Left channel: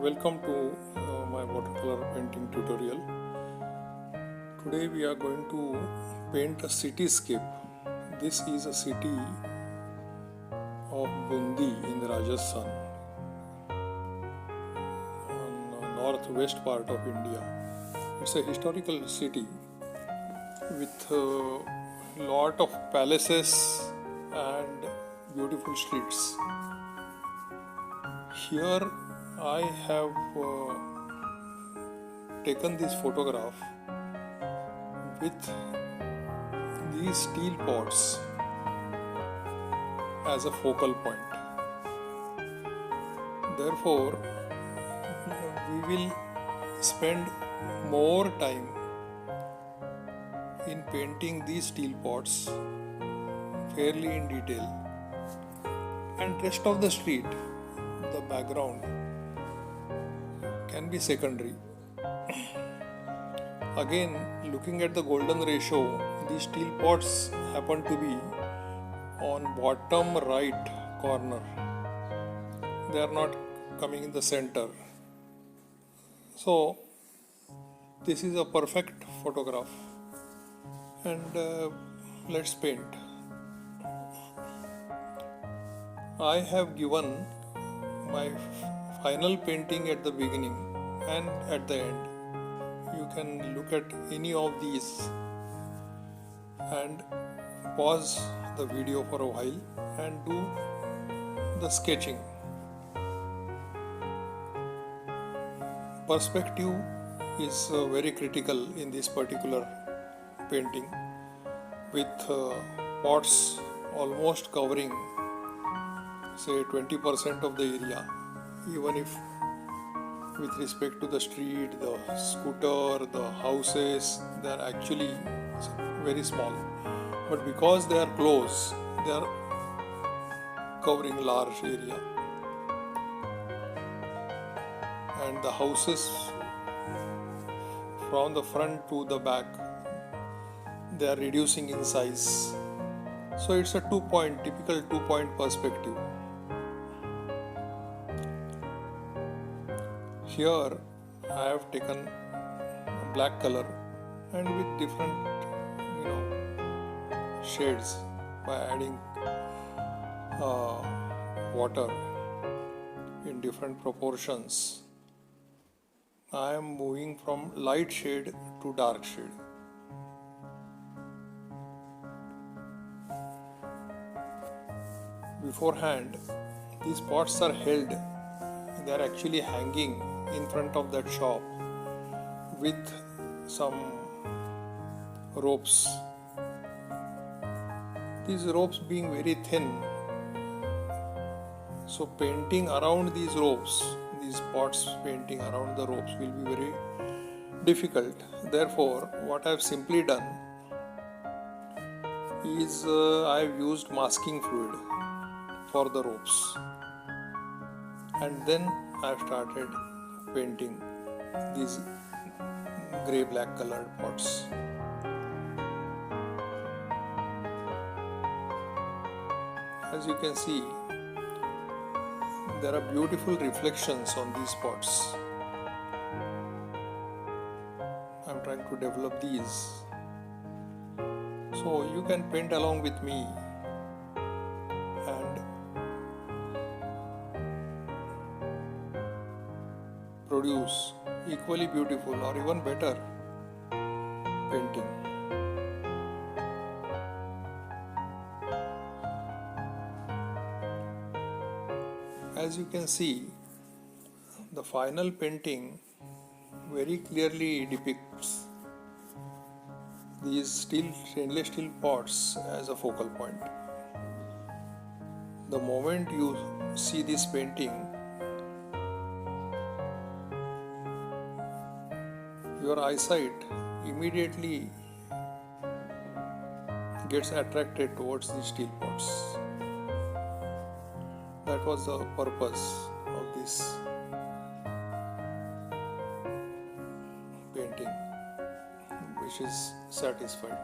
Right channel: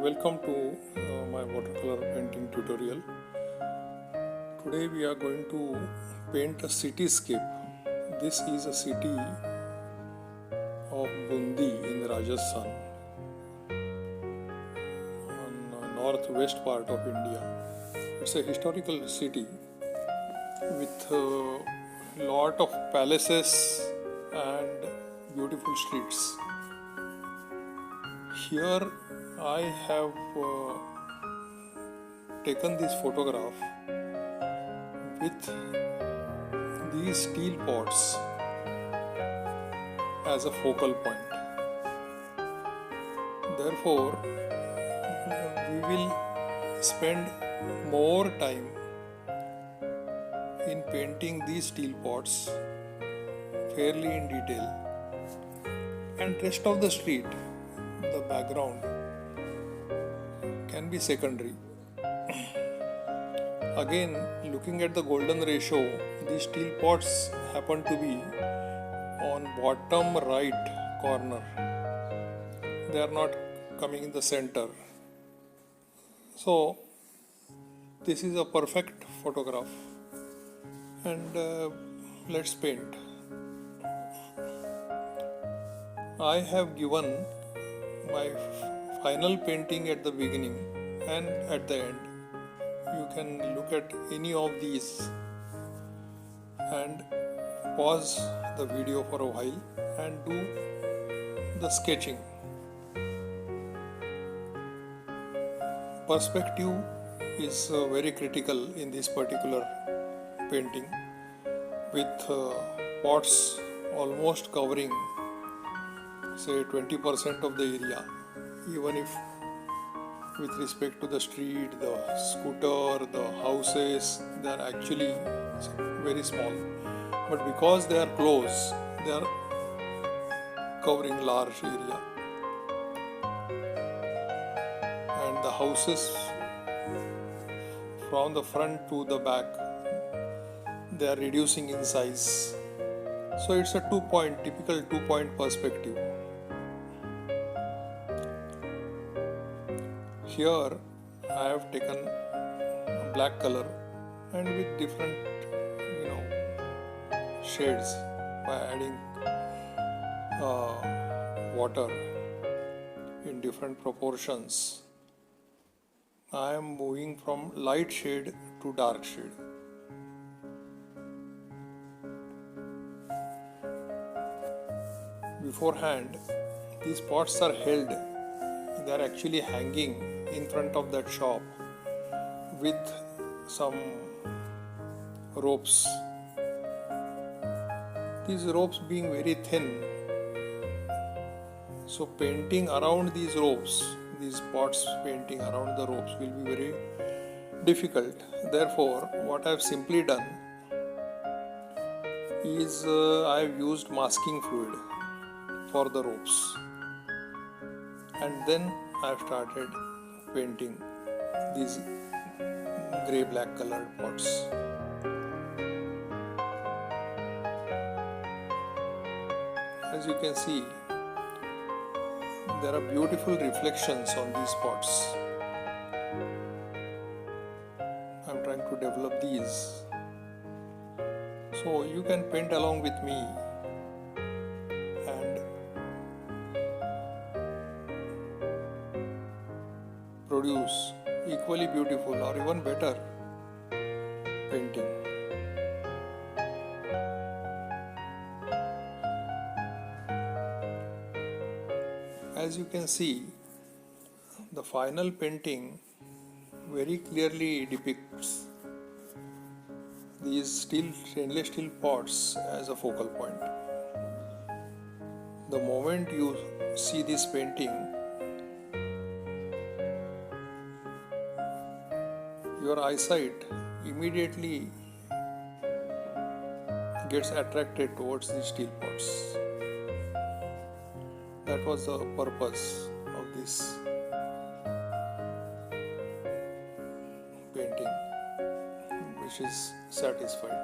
Welcome to my watercolor painting tutorial. Today we are going to paint a cityscape. This is a city of Bundi in Rajasthan, on the northwest part of India. It's a historical city with a lot of palaces and beautiful streets. Here I have taken this photograph with these steel pots as a focal point. Therefore, we will spend more time in painting these steel pots fairly in detail, and rest of the street, the background, can be secondary. Again, looking at the golden ratio, these steel pots happen to be on bottom right corner. They are not coming in the center. So this is a perfect photograph, and let's paint. I have given my final painting at the beginning and at the end. You can look at any of these and pause the video for a while and do the sketching. Perspective is very critical in this particular painting, with pots almost covering say 20% of the area. Even if with respect to the street, the scooter, the houses, they are actually very small, but because they are close, they are covering large area, and the houses from the front to the back, they are reducing in size. So it's a typical 2-point perspective. Here I have taken a black color and with different shades by adding water in different proportions. I am moving from light shade to dark shade. Beforehand, these pots are held. They are actually hanging in front of that shop with some ropes. These ropes being very thin, so painting around these ropes, these pots painting around the ropes will be very difficult. Therefore, what I have simply done is I have used masking fluid for the ropes, and then I have started painting these grey black colored pots. As you can see, there are beautiful reflections on these pots. I am trying to develop these, so you can paint along with me and produce equally beautiful or even better painting. As you can see, the final painting very clearly depicts these stainless steel pots as a focal point. The moment you see this painting, your eyesight immediately gets attracted towards the steel pots. That was the purpose of this painting, which is satisfied.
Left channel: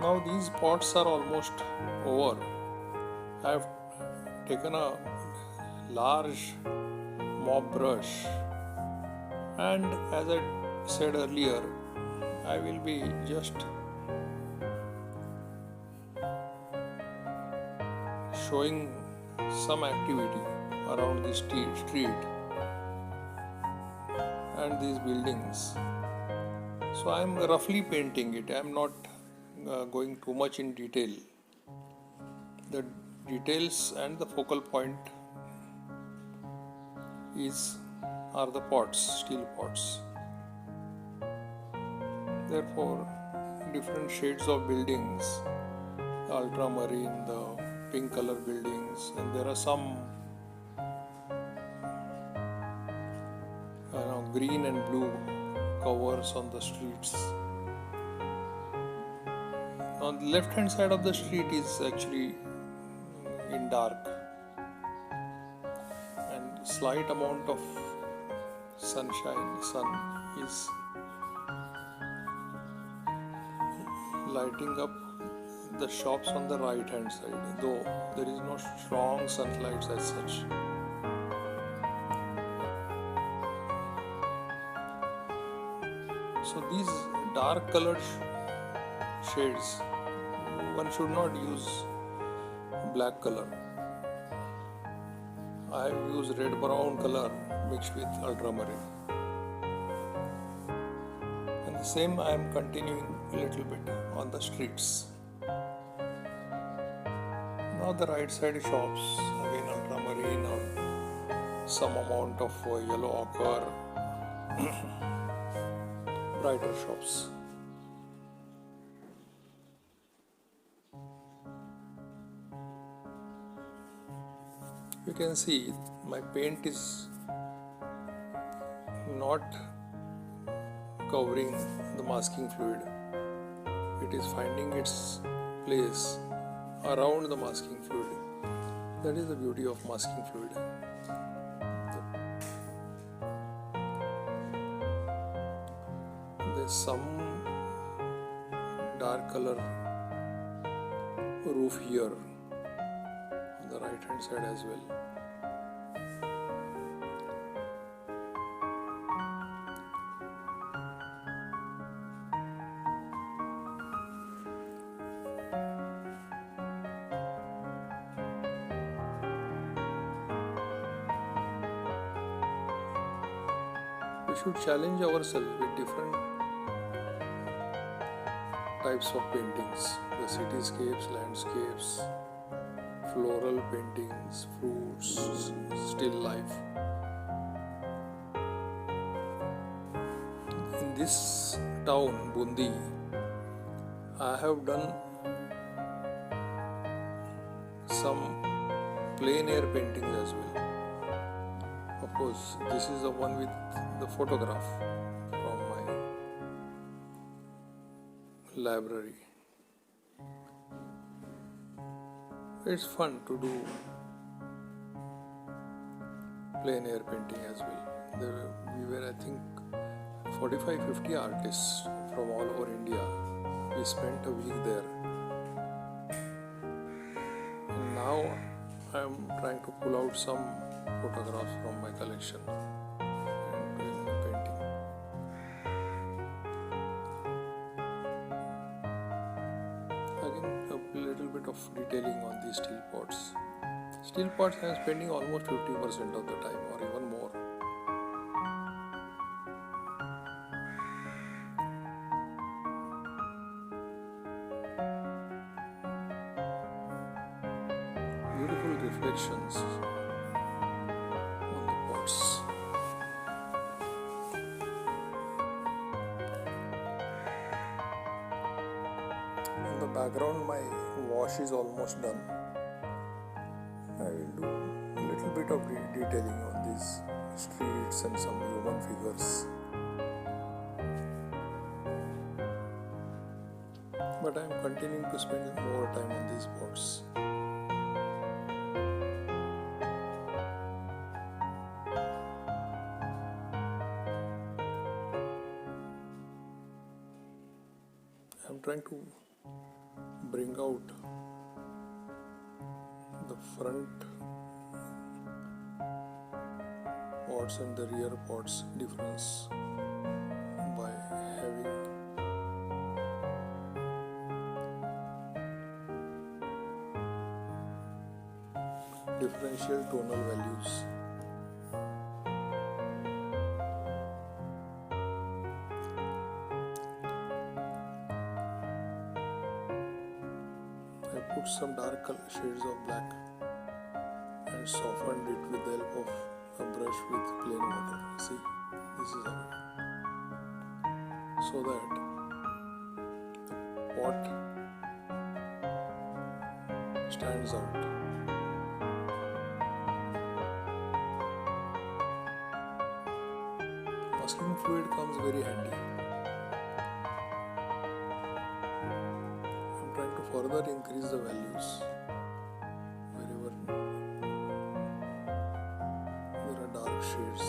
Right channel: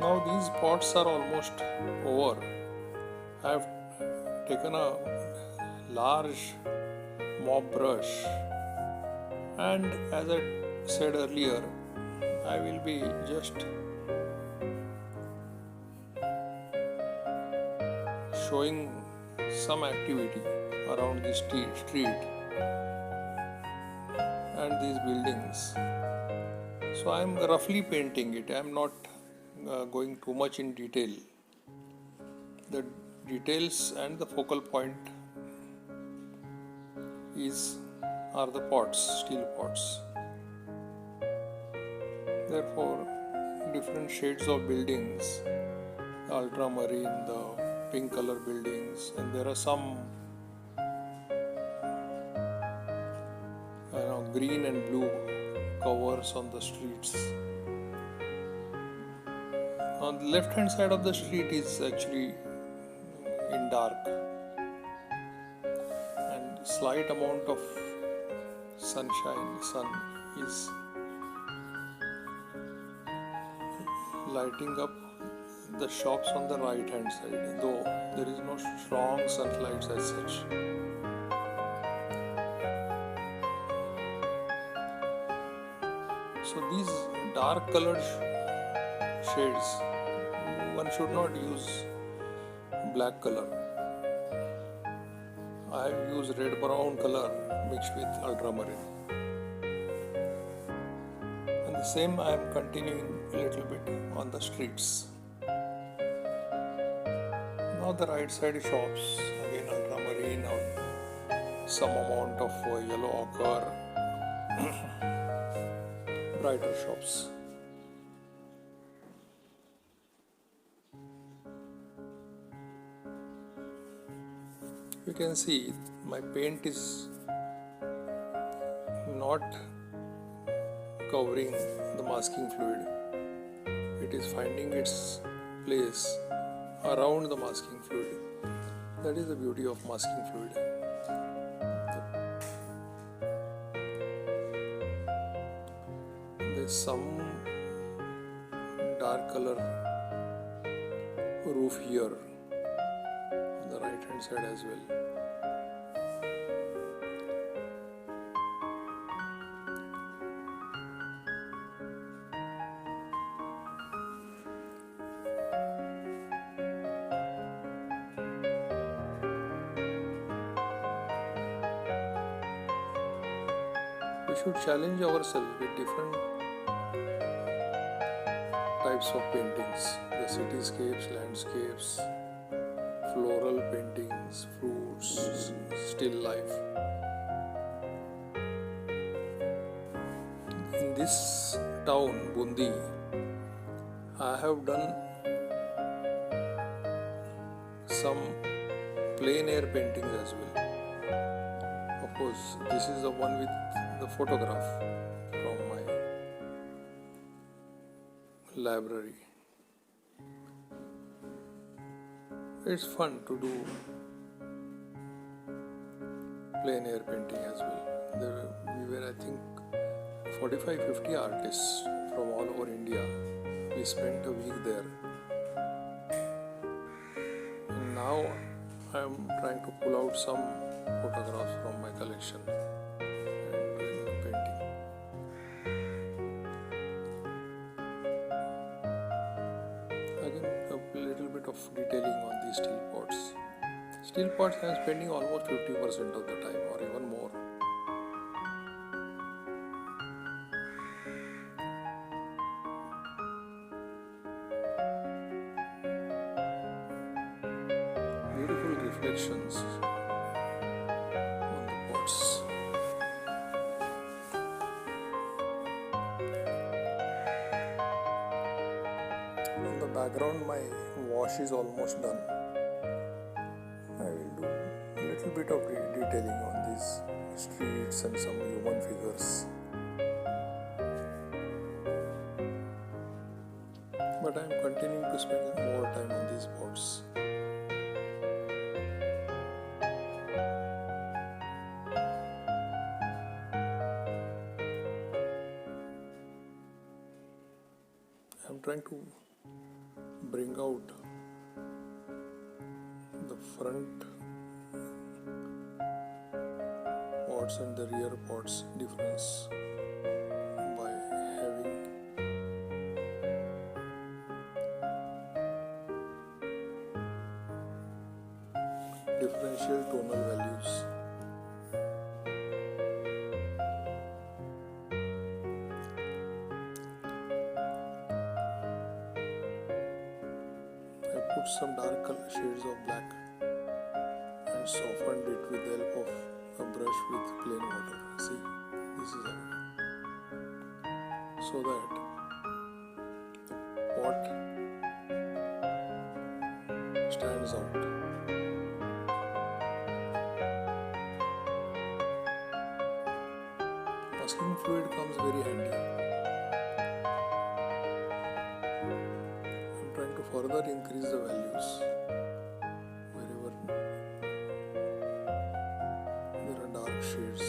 Now these pots are almost over. I have taken a large mop brush, and as I said earlier, I will be just showing some activity around the street and these buildings. So I am roughly painting it. I am not going too much in detail. The details and the focal point are the pots, steel pots. Therefore, different shades of buildings, the ultramarine, the pink color buildings, and there are some green and blue covers on the streets. On the left hand side of the street is actually in dark, and slight amount of sun is lighting up the shops on the right hand side, though there is no strong sunlight as such. So these dark colored shades, one should not use black color. I have used red brown color mixed with ultramarine. And the same I am continuing a little bit on the streets. Now the right side shops, again ultramarine or some amount of yellow ochre, brighter shops. You can see my paint is not covering the masking fluid. It is finding its place around the masking fluid. That is the beauty of masking fluid. There is some dark color roof here on the right hand side as well. We should challenge ourselves with different types of paintings, the cityscapes, landscapes, floral paintings, fruits, still life. In this town, Bundi, I have done some plein air paintings as well. Of course, this is the one with the photograph from my library. It's fun to do plein air painting as well. We were, I think, 45-50 artists from all over India. We spent a week there. And now I am trying to pull out some photographs from my collection and doing the painting. Again, a little bit of detailing on these steel pots. Steel pots I am spending almost 50% of the time or even more. Beautiful reflections on the pots. In the background, my wash is almost done. I will do a little bit of detailing on these streets and some human figures. But I am continuing to spend more time on these pots. I am trying to bring out the front parts and the rear parts difference by having differential tonal values. I put some dark shades of black and softened it with the help of a brush with plain water. See, this is how, so that the pot stands out. Masking fluid comes very handy. I'm trying to further increase the values wherever there are dark shades.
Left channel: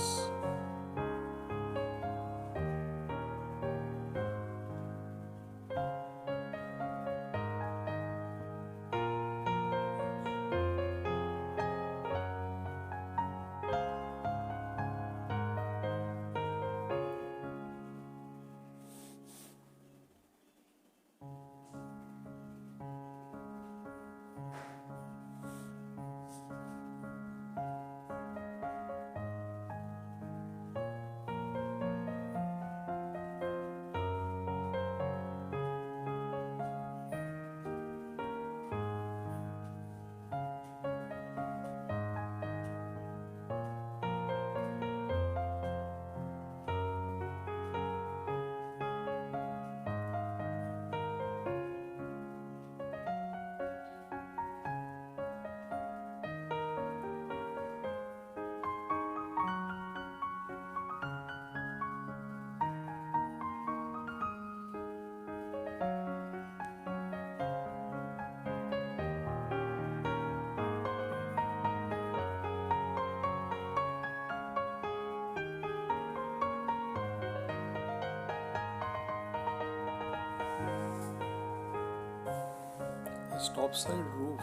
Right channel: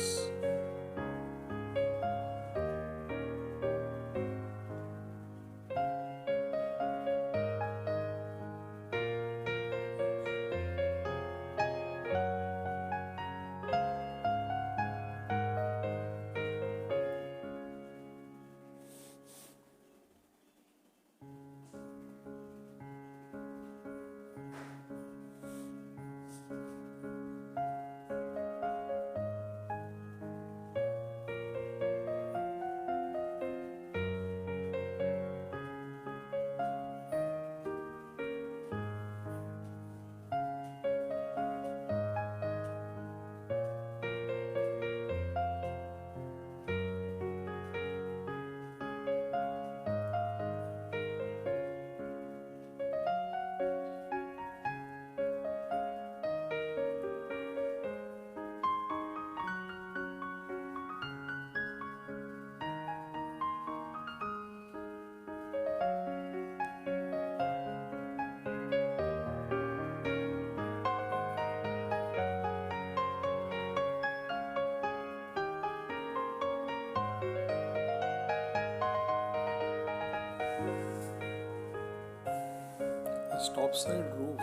The top side roof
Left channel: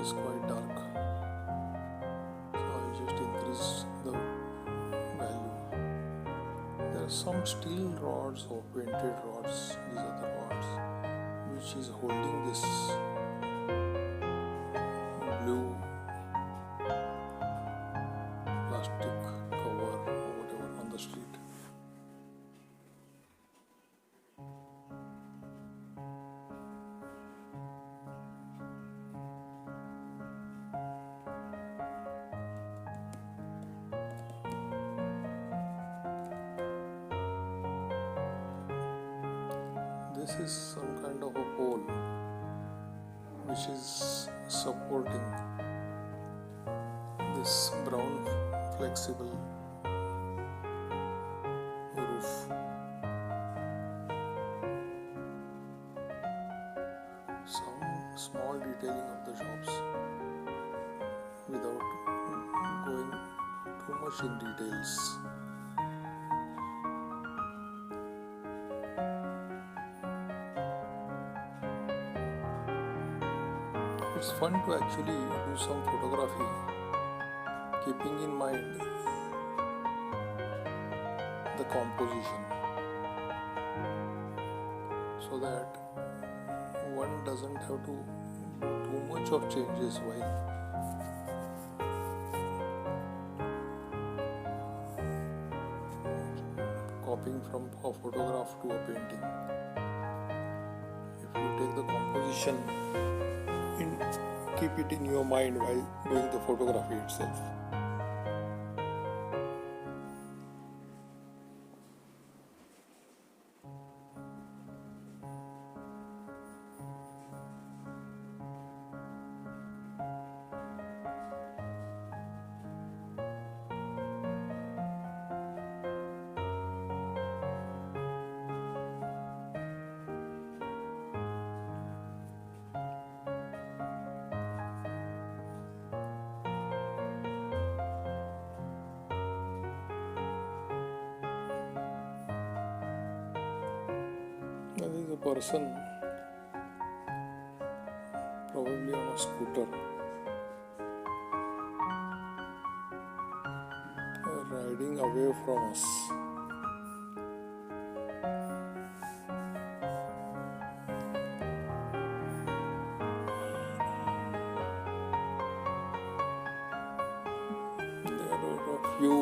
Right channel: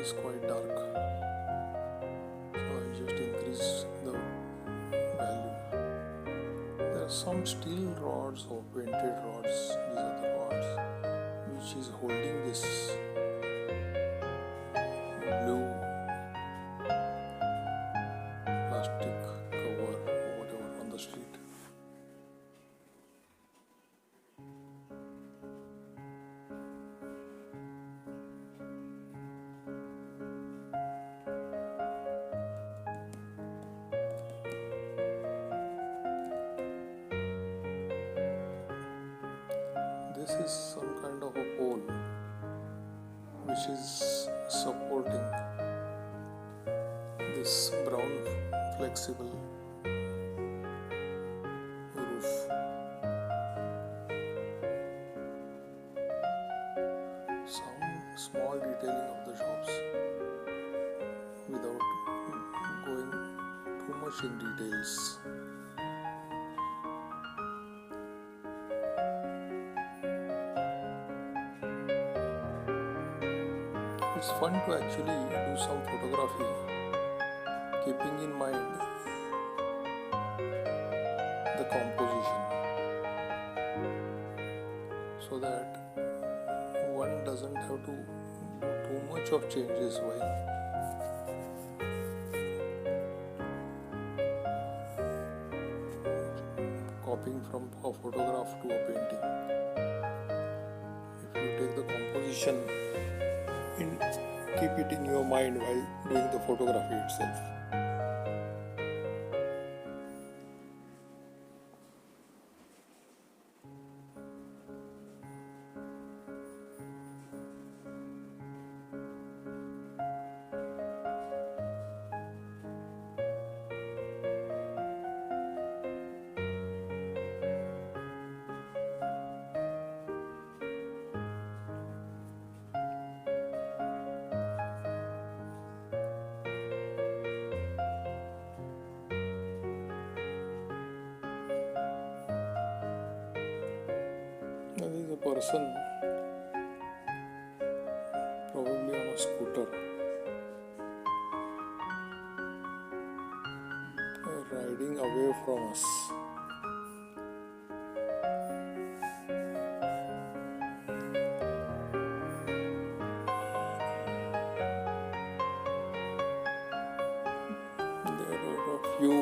is quite dark, so I just increased the value. There are some steel rods or painted rods, these are the rods, which is holding this blue plastic cover or whatever on the street. This is some kind of a pole which is supporting this brown flexible roof. Some small detailing of the shops without going too much in details. It's fun to actually do some photography, keeping in mind the composition, so that one doesn't have to do too much of changes while copying from a photograph to a painting. If you take the composition keep it in your mind while doing the photography itself. Now, there is a person scooter riding away from us. There are a few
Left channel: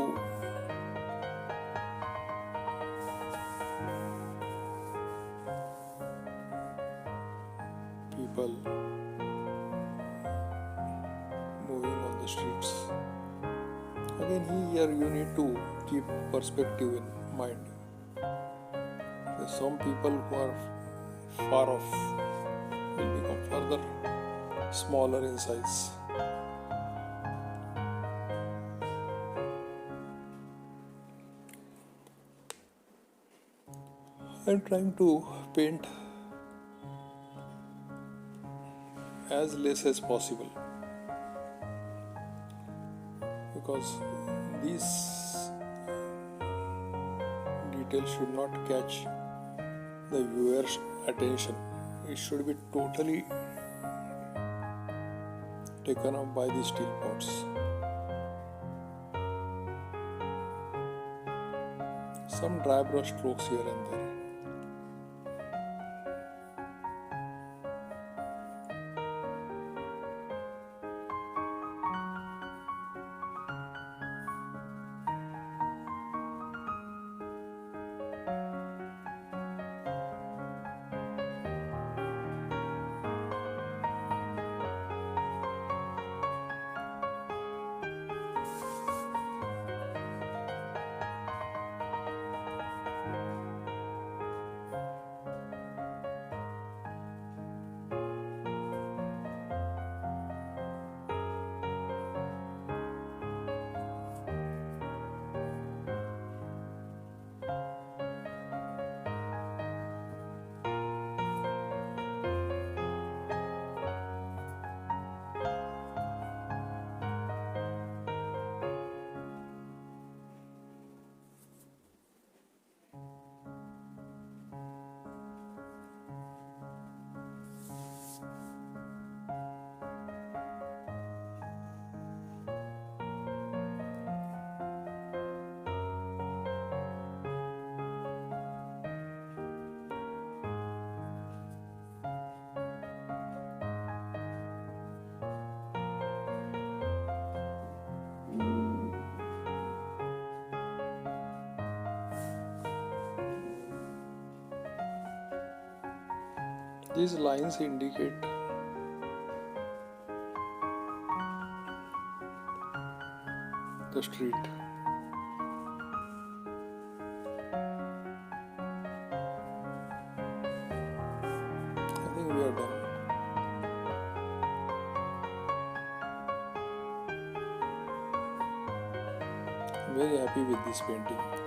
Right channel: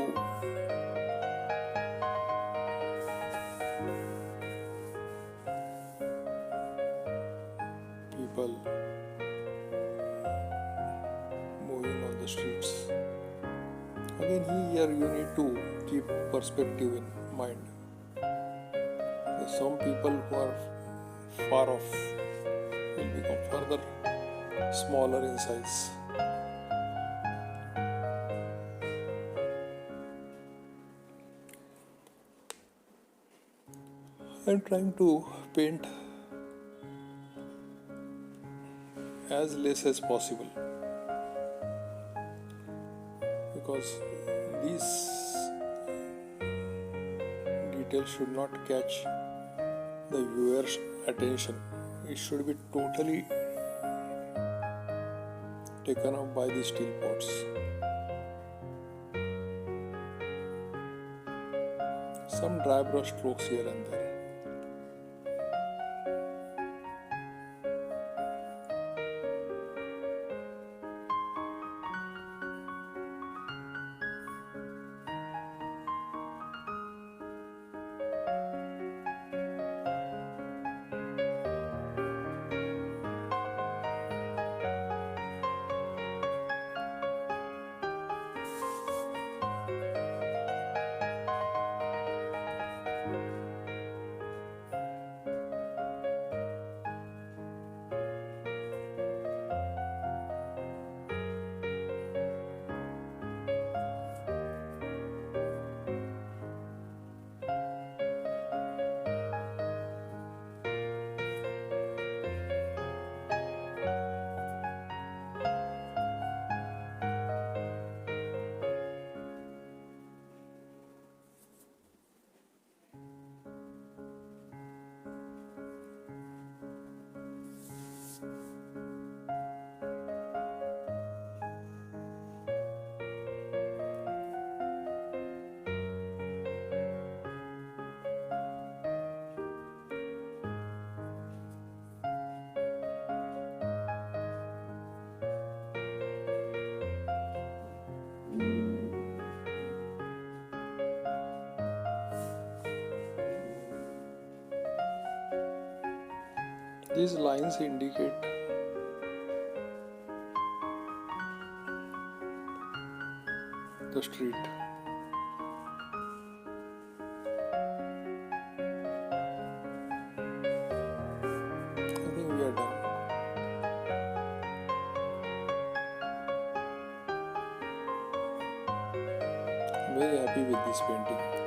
people moving on the streets. Again, here you need to keep perspective in mind. There's some people who are far off will become further smaller in size. I'm trying to paint as less as possible because these details should not catch the viewer's attention. It should be totally taken up by the steel pots. Some dry brush strokes here and there. These lines indicate the street. I think we are done. I'm very happy with this painting.